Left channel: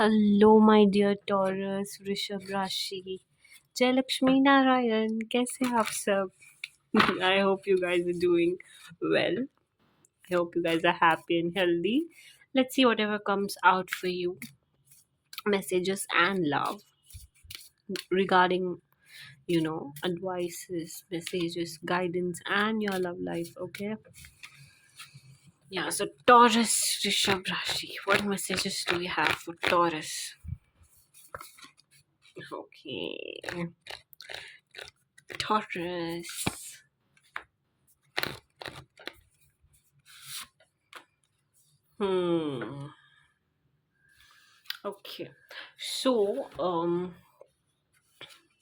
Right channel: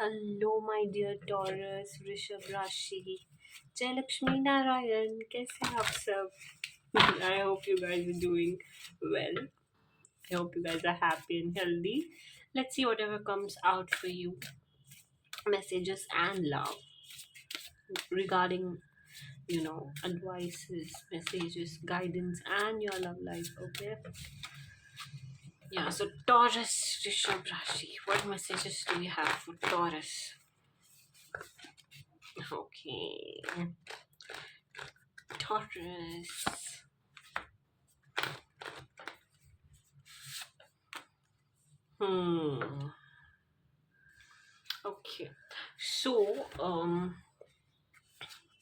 Hello my dear taurus, वृषभ राशि, जय लक्ष्मी नारायण। कैसे हैं आप सब? I hope you guys are doing well. I hope you guys are happy and healthy. Let's see whatever comes out for you. Messages and love regarding, advices, messages, guidance, and your love life. Okay. Yeah. So Taurus, Rishabh Rashi. What messages do we have for Taurus? Okay. Taurus. Okay. So,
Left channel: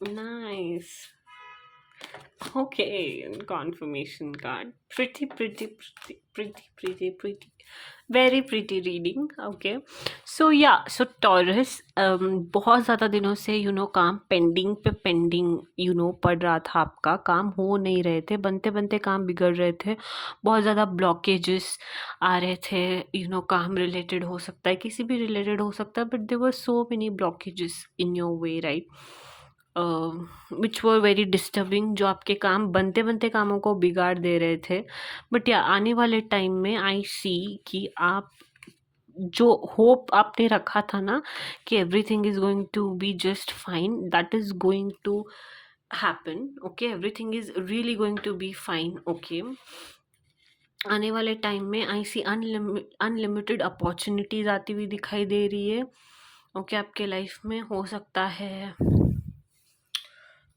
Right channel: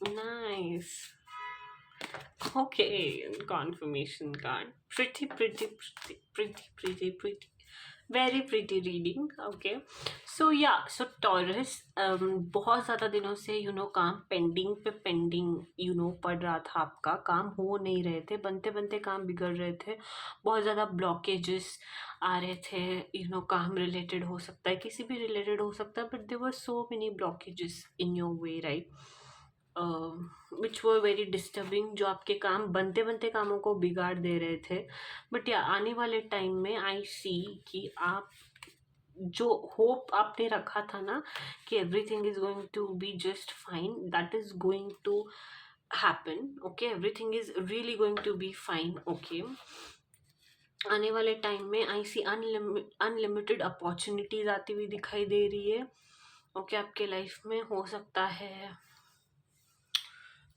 nice. Okay, confirmation card. Pretty. Very pretty reading. Okay. So yeah, so Taurus, बहुत ज़्यादा दिनों से काम pending पड़ रहा था। आपका काम हो नहीं रहे थे, बनते बनते काम बिगड़ रहे थे। बहुत ज़्यादा ब्लॉकेजेस आ रहे थे। काम रिलेटेड हो सकता है, किसी भी रिलेटेड हो सकता है, but there were so many blockages in your way, right? Which were very disturbing, जो आपके काम बनते बनते कामों को बिगाड़ दे रहे थे। बट या आने वाले टाइम में आई सी कि आप जो होप आपने रखा था ना कि everything is going to be just fine, that is going to happen. Okay, everything is really going to be fine. Okay, आने वाले टाइम में आई सी अनलिमिटेड अपॉर्चुनिटीज आती हुई दिखाई दे रही है। ओके, आपके लाइफ में हो सकता है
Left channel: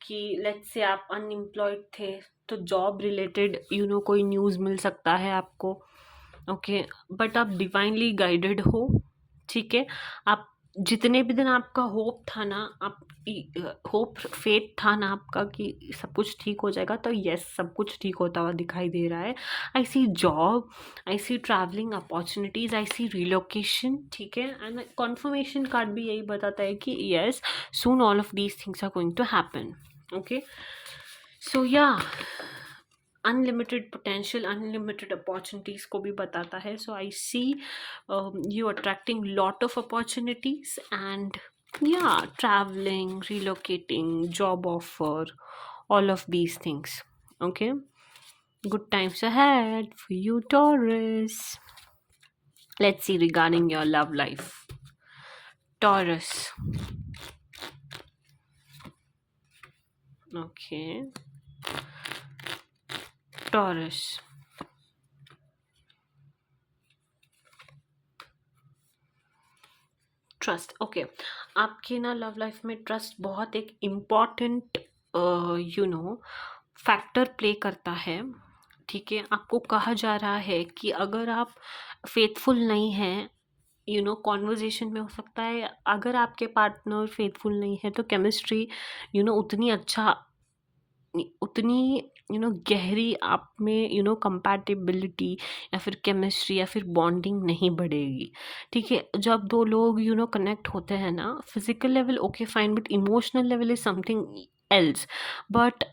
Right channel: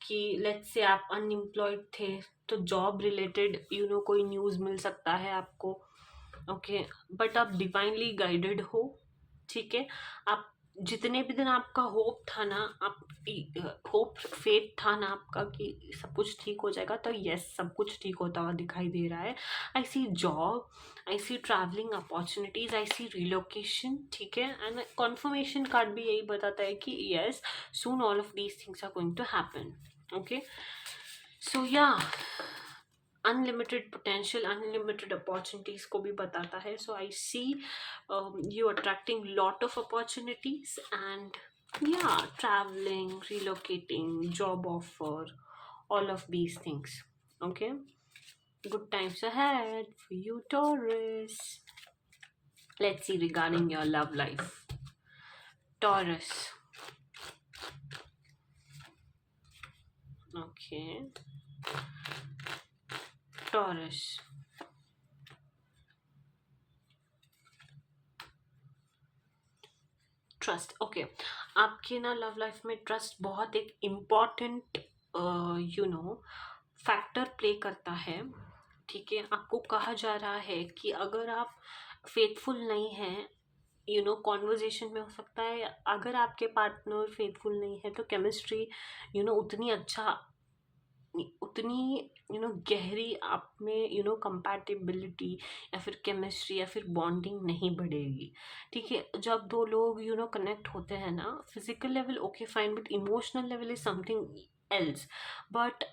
कि लेट्स से आप अनएम्प्लॉयड थे तो जॉब रिलेटेड कोई न्यूज़ मिल सकता है आपको। ओके, बट आप डिवाइनली गाइडेड हो। ठीक है, आप जितने भी दिन आपका होप था ना, आप होप फेथ था ना आपका कि सब कुछ ठीक हो जाएगा, तो यस, सब कुछ ठीक होता हुआ दिखाई दे रहा है। आई सी जॉब, आई सी ट्रैवलिंग अपॉर्चुनिटीज, आई सी रिलोकेशन। ठीक है, एंड कॉन्फर्मेशन कार्ड भी यही बताता है कि yes, soon all of these things are going to happen. Okay, so yeah, unlimited potential, unlimited opportunities को भी बताता है। So I see you attracting lot of opportunities and या travelling, relocating, job offer, all of these things. Okay, good times ahead for you, Taurus. Let's see regarding your love life, Taurus. Okay, Taurus. Trust. Okay, आपकी ना love life में trust बहुत एक important factor play करता है। ठीक है, आपको कहा जा रहा है कि अगर आप फेथफुल नहीं हैं, कॉन्वर्जेशन में हो सकता है, अगर आपके पार्टनर फेथफुल नहीं है तो केमिस्ट्री उतनी गहरी आप में कंपैटिबिलिटी या फिर केमिस्ट्री या फिर बॉन्डिंग नहीं बढ़ेगी। ठीक है, जब दो लोग कनेक्ट होते हैं ना, physical level okay fine, but emotional level is something else. But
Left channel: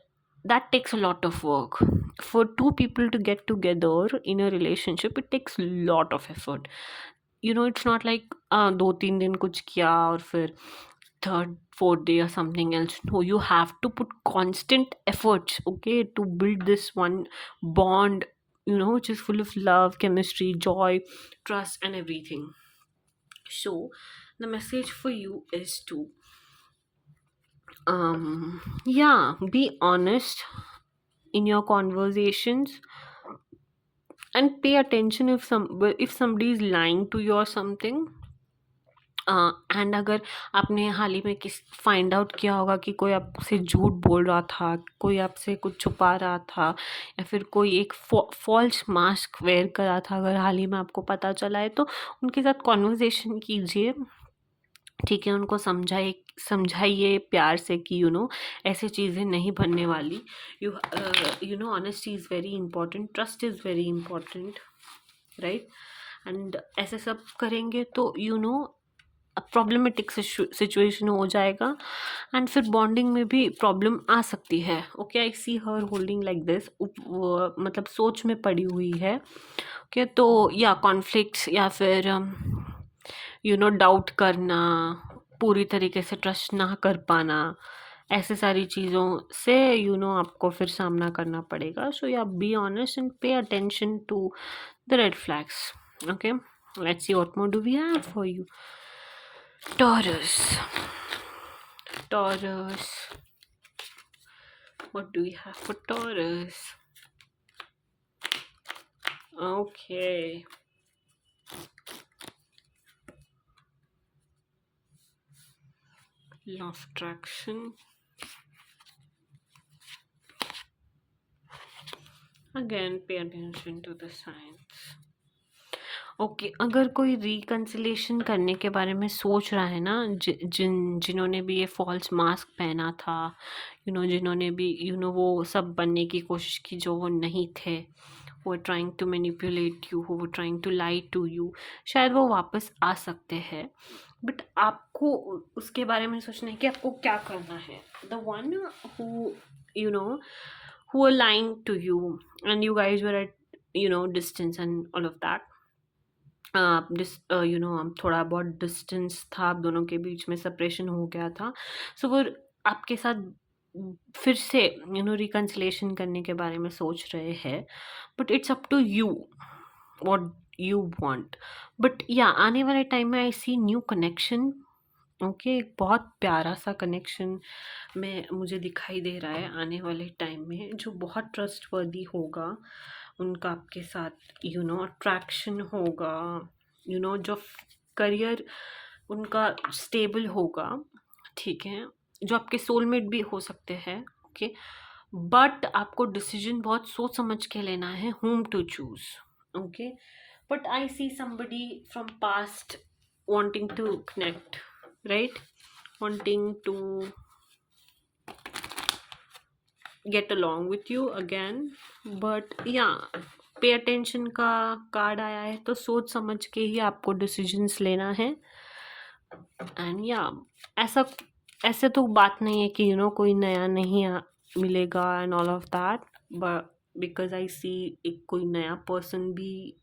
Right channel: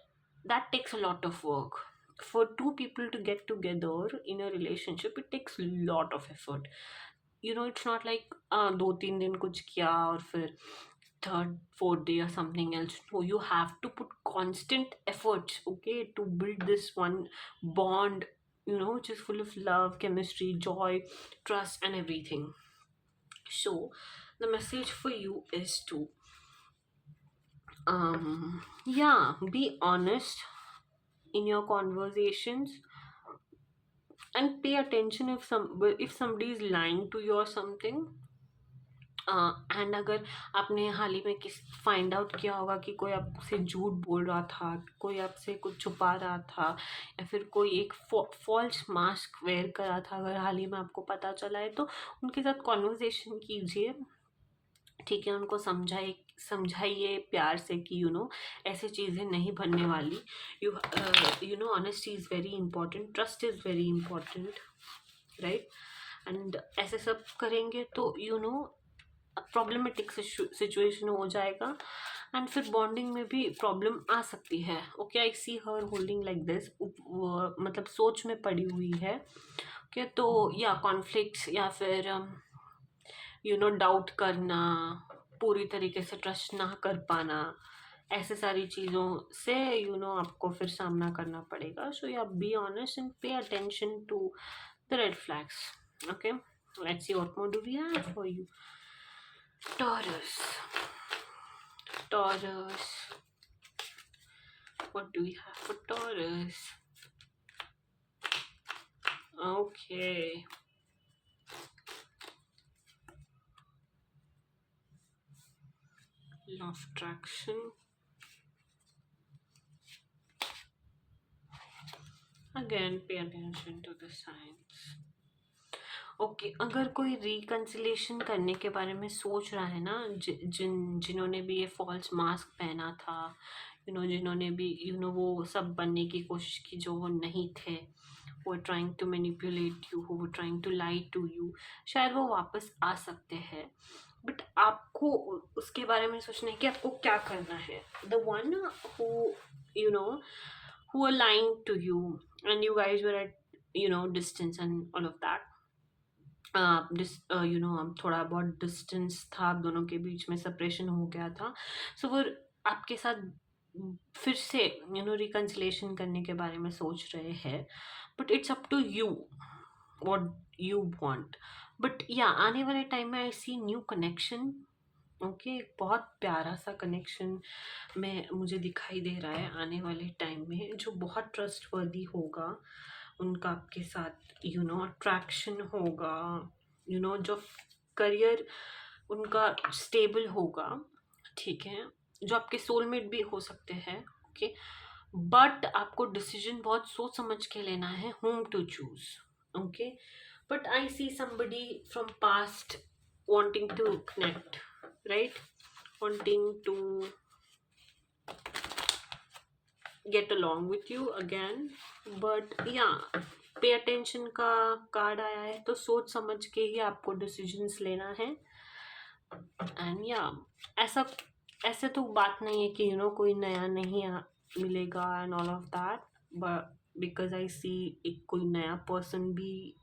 that takes a lot of work. For two people to get together in a relationship, it takes lot of effort. It's not like 2-3 दिन कुछ किया और फिर third, fourth day or something else. No, you have to put constant efforts, okay, to build this one bond, which is full of love, chemistry, joy, trust, and everything. So the message for you is to be honest in your conversations and pay attention if somebody is lying to you or something. And अगर आपने हाल ही में find out किया होगा कि कोई आपसे झूठ बोल रहा था, कोई आपसे कुछ छुपा रहा था, या फिर कोई एक फॉल्स मास्क वेयर कर रहा था, अगर हाल ही में आपको पता चला है, तो उनके साथ कॉन्वर्जेशन कीजिए। ठीक है, उनको समझाइए प्यार से कि ऐसी चीज़ें नहीं बनने वाली। Honesty is very important, trust is very important, right? And ऐसे सब करेंगे तो प्रॉब्लमैटिक सिचुएशन हो जाएगा एंड फिर बॉन्डिंग में भी प्रॉब्लम आ सकती है। Okay, I see her holding like this, मतलब सोच में पड़ी हुई है। ओके, तो या कॉन्फ्लिक्ट्स या फिर डाउट करना, पूरी तरीके से ट्रस्ट ना कर पाना, ऐसे सारी चीज़ों से आपको फिर सामना करना पड़ेगा. So yeah be honest and pay attention to the red flags. Okay, let's see what more do we have for you. Taurus. Taurus. What do we have for Taurus? Okay. Law of attraction. Again, pay attention to the signs. Okay, अगर कोई reconciliation करने के बारे में सोच रहा है ना, जिन्होंने भी ये फॉल्स मास्क पहना था, जिन्होंने भी वो सब बनने की कोशिश की जो वो नहीं थे, वो ट्राइंग टू मैनिपुलेट यू, वो trying to lie to you, शायद वो वापस आ सकते हैं. बट आपको उसके बारे में सोचना है कि आपको क्या करना है. The one who you know who were lying to you and you guys were at distance and all of that. थोड़ा बहुत डिस्टेंस था आप दोनों के बीच में, सेपरेशन हो गया था. सो वो आपके साथ फिर से रिकन्सिलेशन करने के बारे में सोच रहे हैं. But it's up to you what you want. But yeah आने वाले टाइम में I see new connection. Okay, एक बहुत प्यारा सा कनेक्शन में मुझे दिखाई दे रहा है आने वाले टाइम में, जो बहुत ट्रस्टवर्दी होगा. उनका आपके साथ अट्रैक्शन होगा, जो करियर उनका स्टेबल होगा. ठीक है, जो आपके सोलमेट भी हो सकते हैं. ओके, बट आपको डिसीजन बहुत सोच समझ के लेना है whom to choose. Okay, but I see somebody from past wanting to connect, right? Wanting to get along with you again. But yeah, pay attention का कार्ड आया है, तो सोच समझ के ही आपको डिसीजंस लेना है. एंड या ऐसा ऐसे तो बात नहीं है कि कोई नया नहीं मिलेगा and all of that. But because I see एक कोई नया पर्सन भी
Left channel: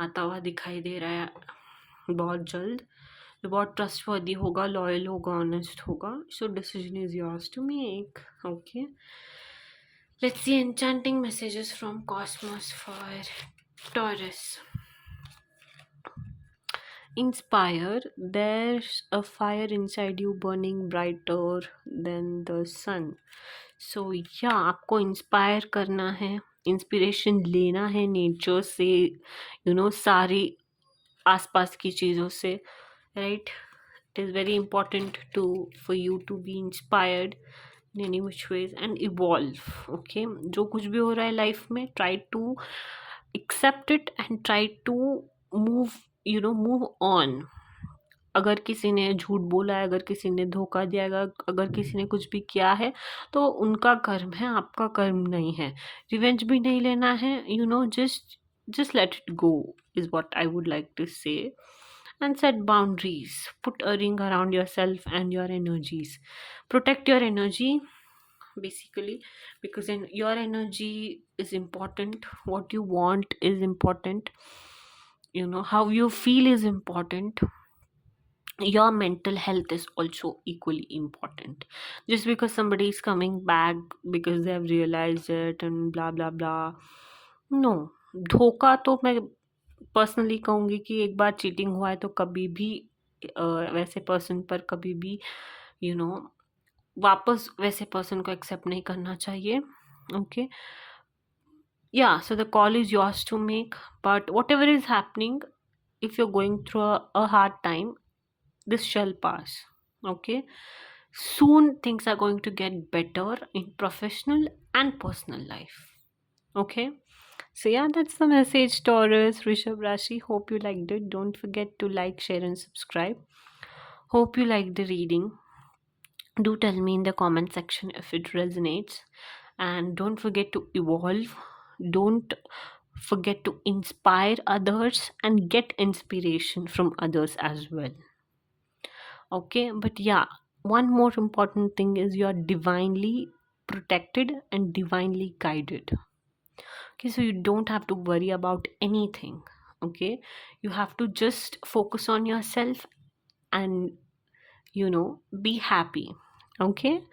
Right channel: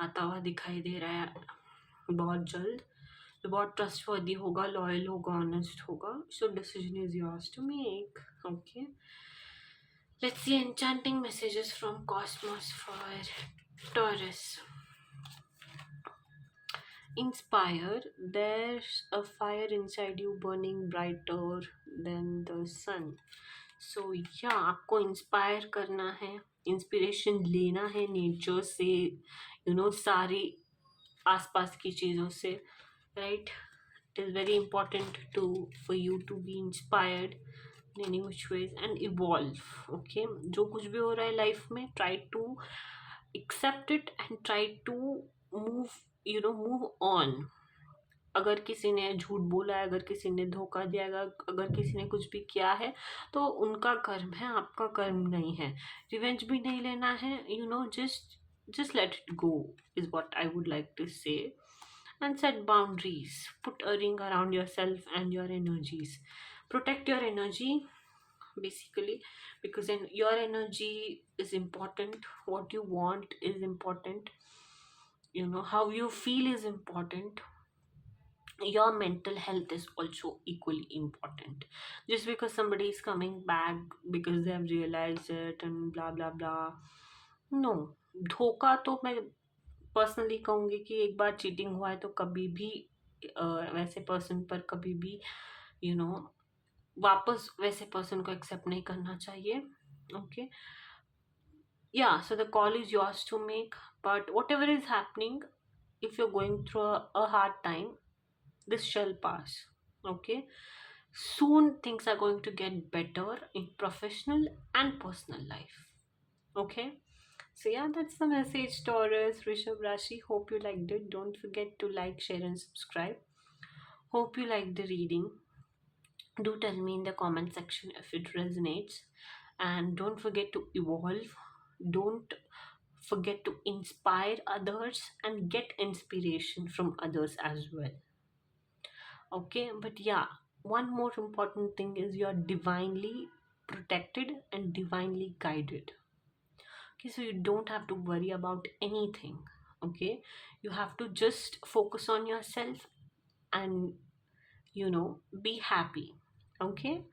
आता हुआ दिखाई दे रहा है बहुत जल्द, जो बहुत ट्रस्टवर्दी होगा, लॉयल होगा, ऑनेस्ट होगा. So decision is yours to make. Okay, let's see enchanting messages from cosmos for Taurus. Inspire. There's a fire inside you burning brighter than the sun. So yeah, आपको inspire करना है, inspiration लेना है nature से, सारी आसपास की चीज़ों से, right? It is very important for you to be inspired in any which ways and evolve. Okay, जो कुछ भी हो रहा है लाइफ में, try to accept it and try to move on. अगर किसी ने झूठ बोला है, अगर किसी ने धोखा दिया है, अगर किसी ने कुछ भी किया है, तो उनका कर्म है, आपका कर्म नहीं है. रिवेंज भी नहीं लेना है. just let it go is what I would like to say. And set boundaries. Put a ring around yourself and your energies. Protect your energy, basically, because your energy is important. What you want is important. How you feel is important. Your mental health is also equally important. Just because somebody is coming back because they have realized it and blah blah blah, no. धोखा तो मैं personally कहूँगी कि एक बार cheating हुआ है तो कभी भी वैसे पर्सन पर कभी भी वापस वैसे पर्सन को एक्सेप्ट नहीं करना चाहिए. Okay, yeah, so the call is yours to make. But whatever is happening, if you're going through a hard time, this shall pass. Okay, soon things are going to get better in professional and personal life. Okay, so yeah, that's the message, Taurus, Rishabh Rashi. Hope you liked it. Don't forget to like, share and subscribe. Hope you liked the reading. Do tell me in the comment section if it resonates. And don't forget to evolve. Don't forget to inspire others and get inspiration from others as well. Okay, but yeah, one more important thing is you are divinely protected and divinely guided. Okay, so you don't have to worry about anything. Okay, you have to just focus on yourself and be happy. Okay.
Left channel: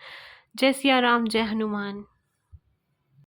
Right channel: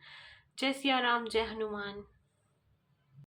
Jai Siya Ram, Jai Hanuman.